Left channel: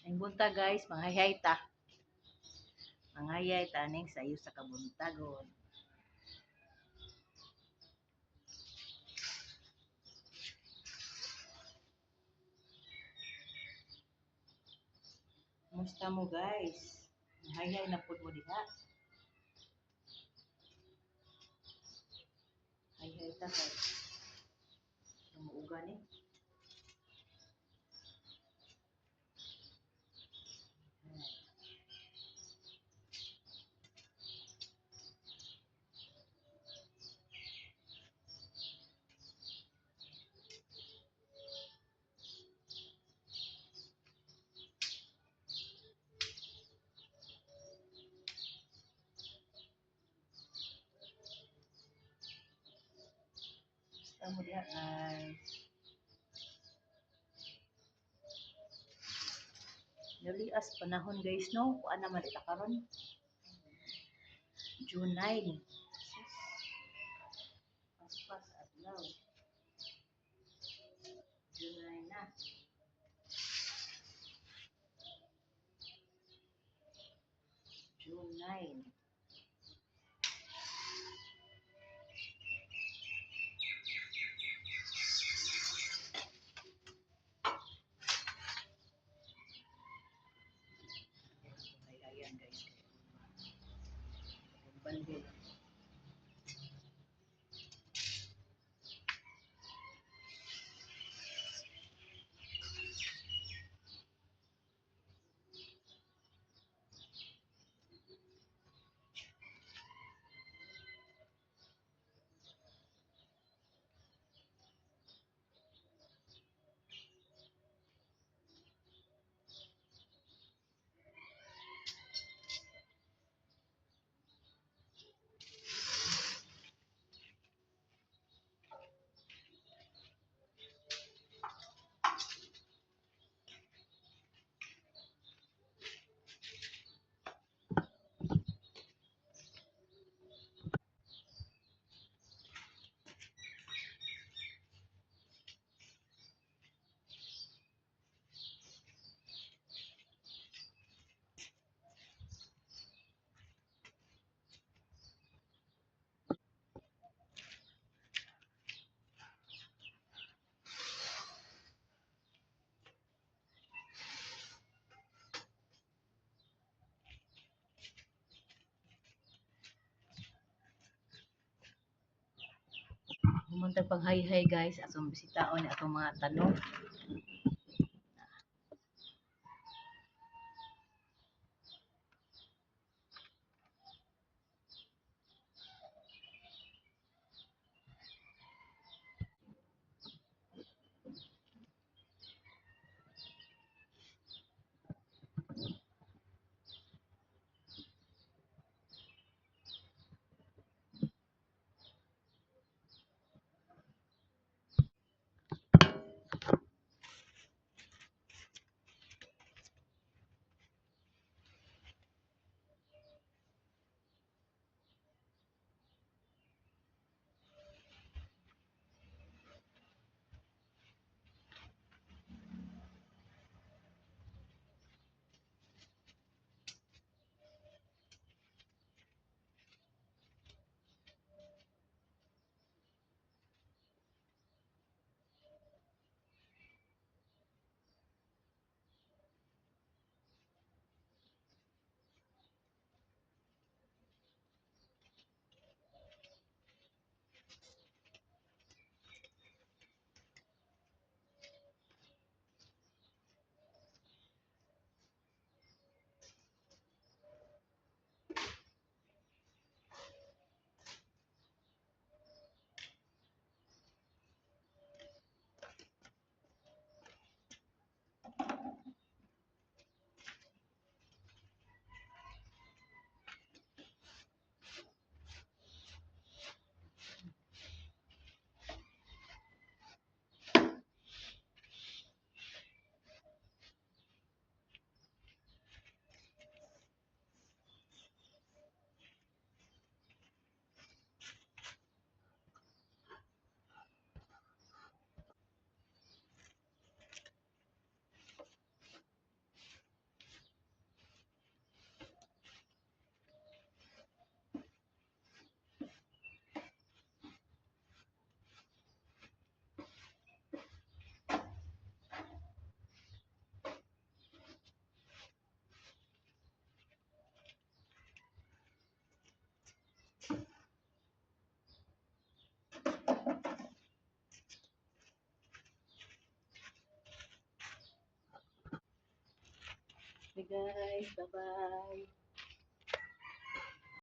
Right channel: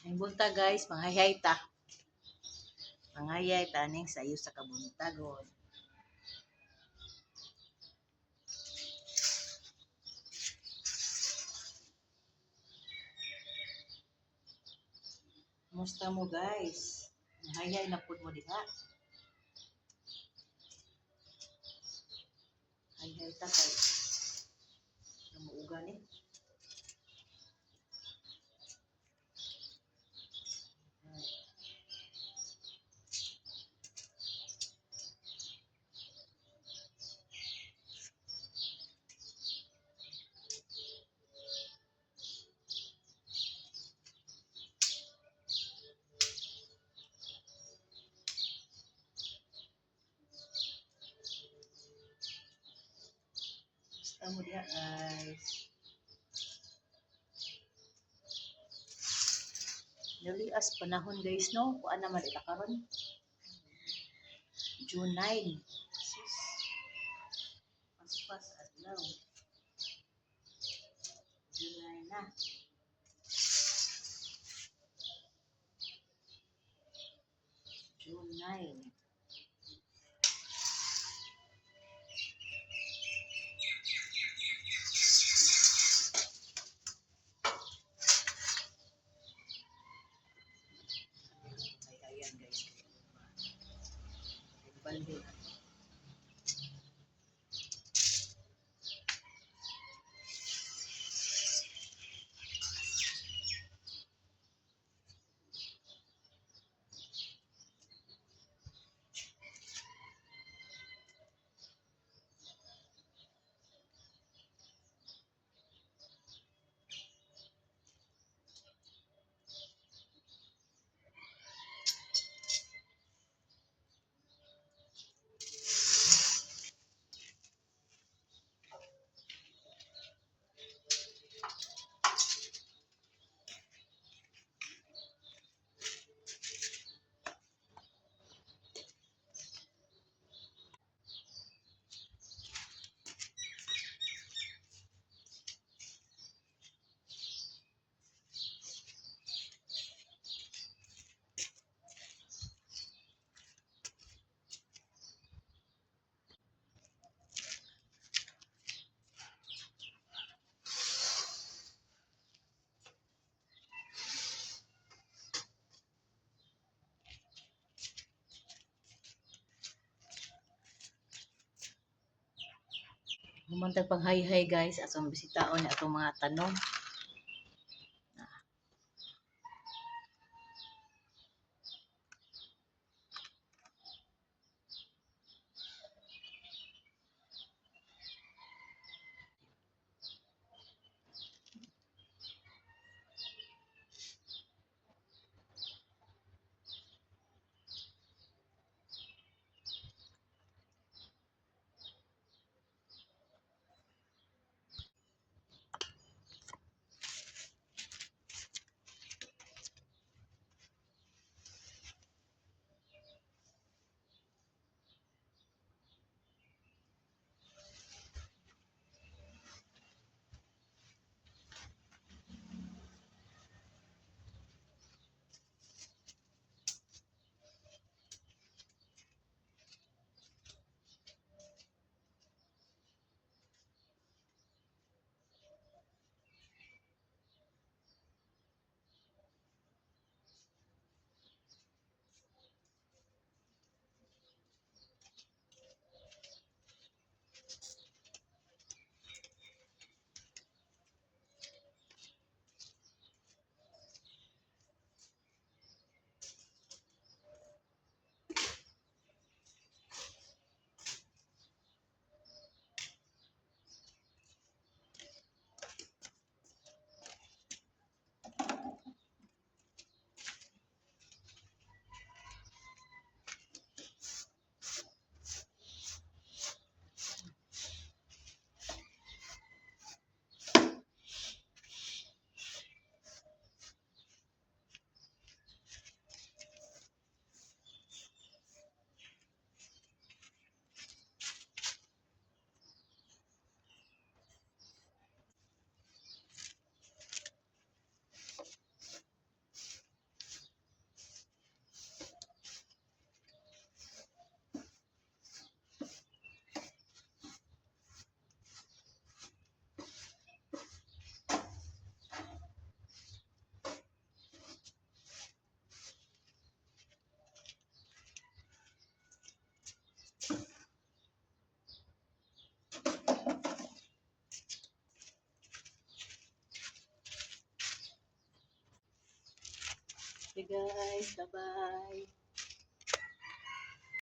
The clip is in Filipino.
Ang bunta guys, manghayay ta. Manghayay ta ning sayo sa kabuntagon. Kumusta mo guys? Manghayay na pud mo diha. Hayay ta kay umuuga ni. Kumusta mo diha guys? Nalias panahon guys no, kuan naman ita karon. June 9. Sus. Paspas adlaw. June 9 na. June 9. Ayan guys. Balde na. Humantag pang hi-hi guys, atong bisitaon atong mga tanong. Okay guys, bye-bye.